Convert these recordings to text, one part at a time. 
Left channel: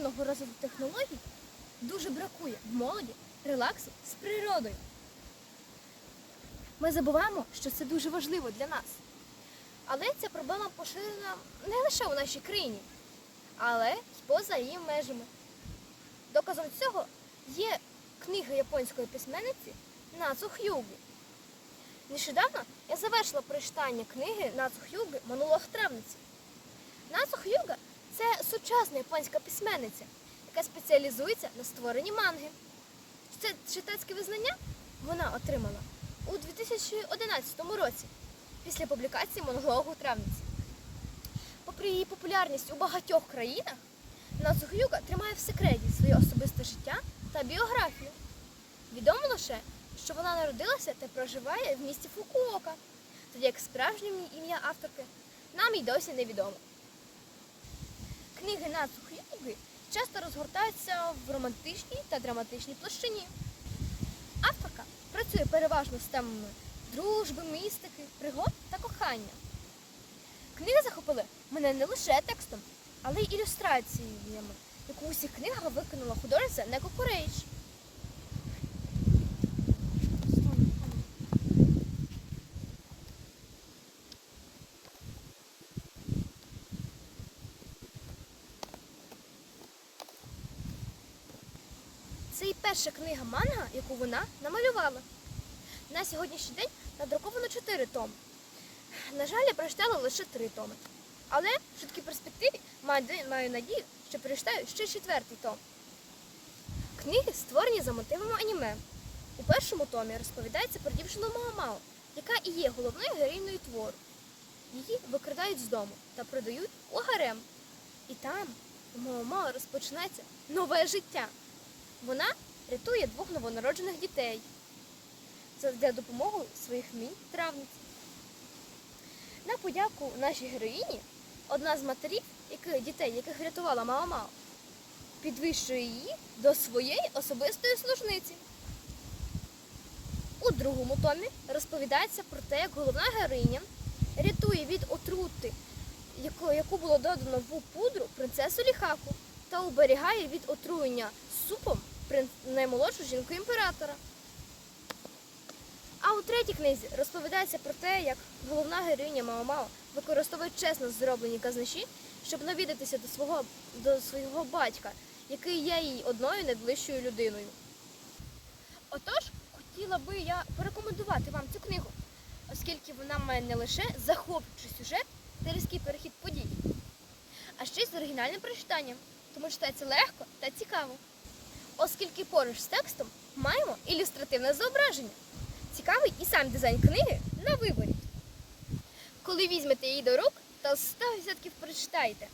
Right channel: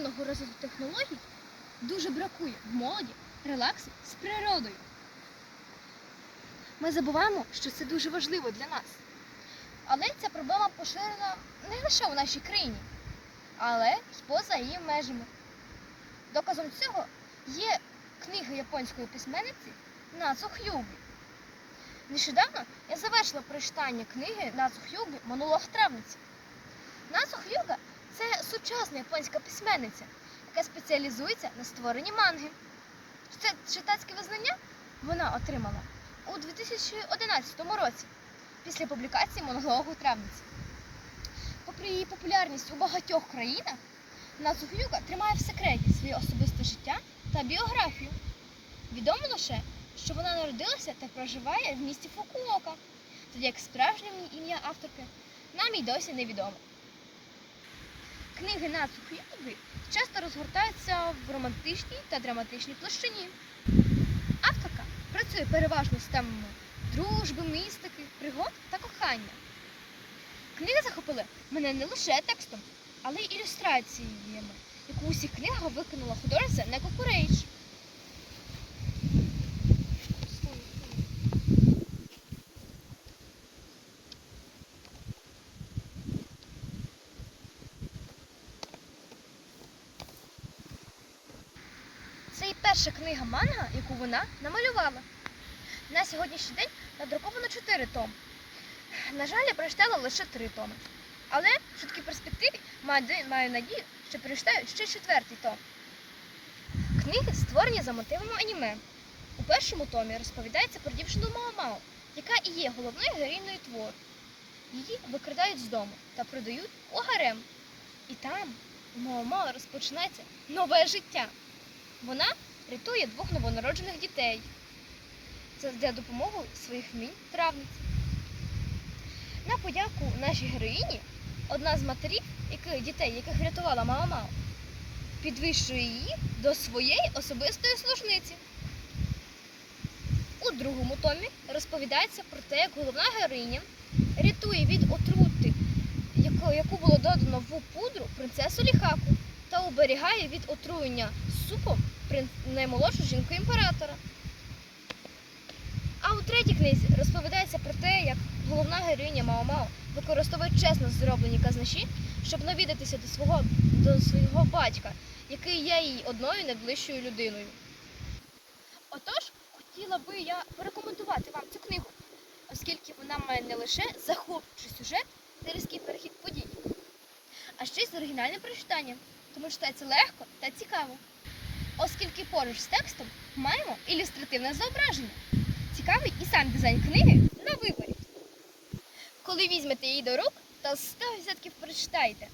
неймовірного розвитку технологій дуже бракує в молоді релаксу з природою. Ми забуваємо, що це дуже важливо для нас. Але ця проблема поширена не лише у нашій країні, але й поза її межами. Доказом цього є книга японської письменниці Нацу Х'юги. Нещодавно я завершила прочитання книги Нацу Х'юги Монолог травниці. Нацу Х'юга сучасна японська письменниця, яка спеціалізується на створенні манги. Це читацьке визнання вона отримала у 2011 році після публікації монологу травниці. Попри її популярність у багатьох країнах, Нацухюга тримає в секреті своє особисте життя та біографію. Відомо лише, що вона народилася та проживає в місті Фукуока, тоді як справжнє ім'я авторки нам і досі невідомо. Книги Нацухюги часто розгортаються в романтичній та драматичній площині. Авторка працює переважно з темами дружби, містики, пригод та кохання. Книги захопили мене не лише текстом, але й ілюстраціями, яку у книга виконала художниця Неко Курейдж. Перша книга манга, яку вона намалювала. На сьогоднішній день надруковано 4 томи. На жаль, я прочитала лише 3 томи. Але в швидкій перспективі маю, надію, що прочитаю ще четвертий том. Книги створені за мотивами аніме. У першому томі розповідається про дівчину Мао-Мао, яка і є головною героїною твору. Її викрадають з дому та продають у гарем. І там у Мао-Мао розпочинається нове життя. Вона рятує двох новонароджених дітей за допомогою своїх вмінь травниць. На подяку нашій героїні одна з матерів, дітей, яких врятувала Мао-Мао, підвищує її до своєї особистої служниці. У другому томі розповідається про те, як головна героїня рятує від отрути, яку, було додано в пудру принцесу Ліхаку та уберігає від отруєння супом наймолодшу жінку імператора. А у третій книзі розповідається про те, як головна героїня Мао-Мао використовує чесно зроблені казначі, щоб навідатися до свого, до свого батька, який є їй одною найближчою людиною. Отож, хотіла би я порекомендувати вам цю книгу, оскільки вона має не лише захоплюючий сюжет та різкий перехід подій, а ще й з оригінальним прочитанням, тому читається легко та цікаво. Оскільки поруч з текстом маємо ілюстративне зображення. Цікавий і сам дизайн книги на виборі. Коли візьмете її до рук, то 100% прочитаєте.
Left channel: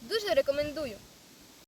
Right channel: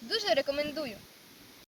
Дуже рекомендую.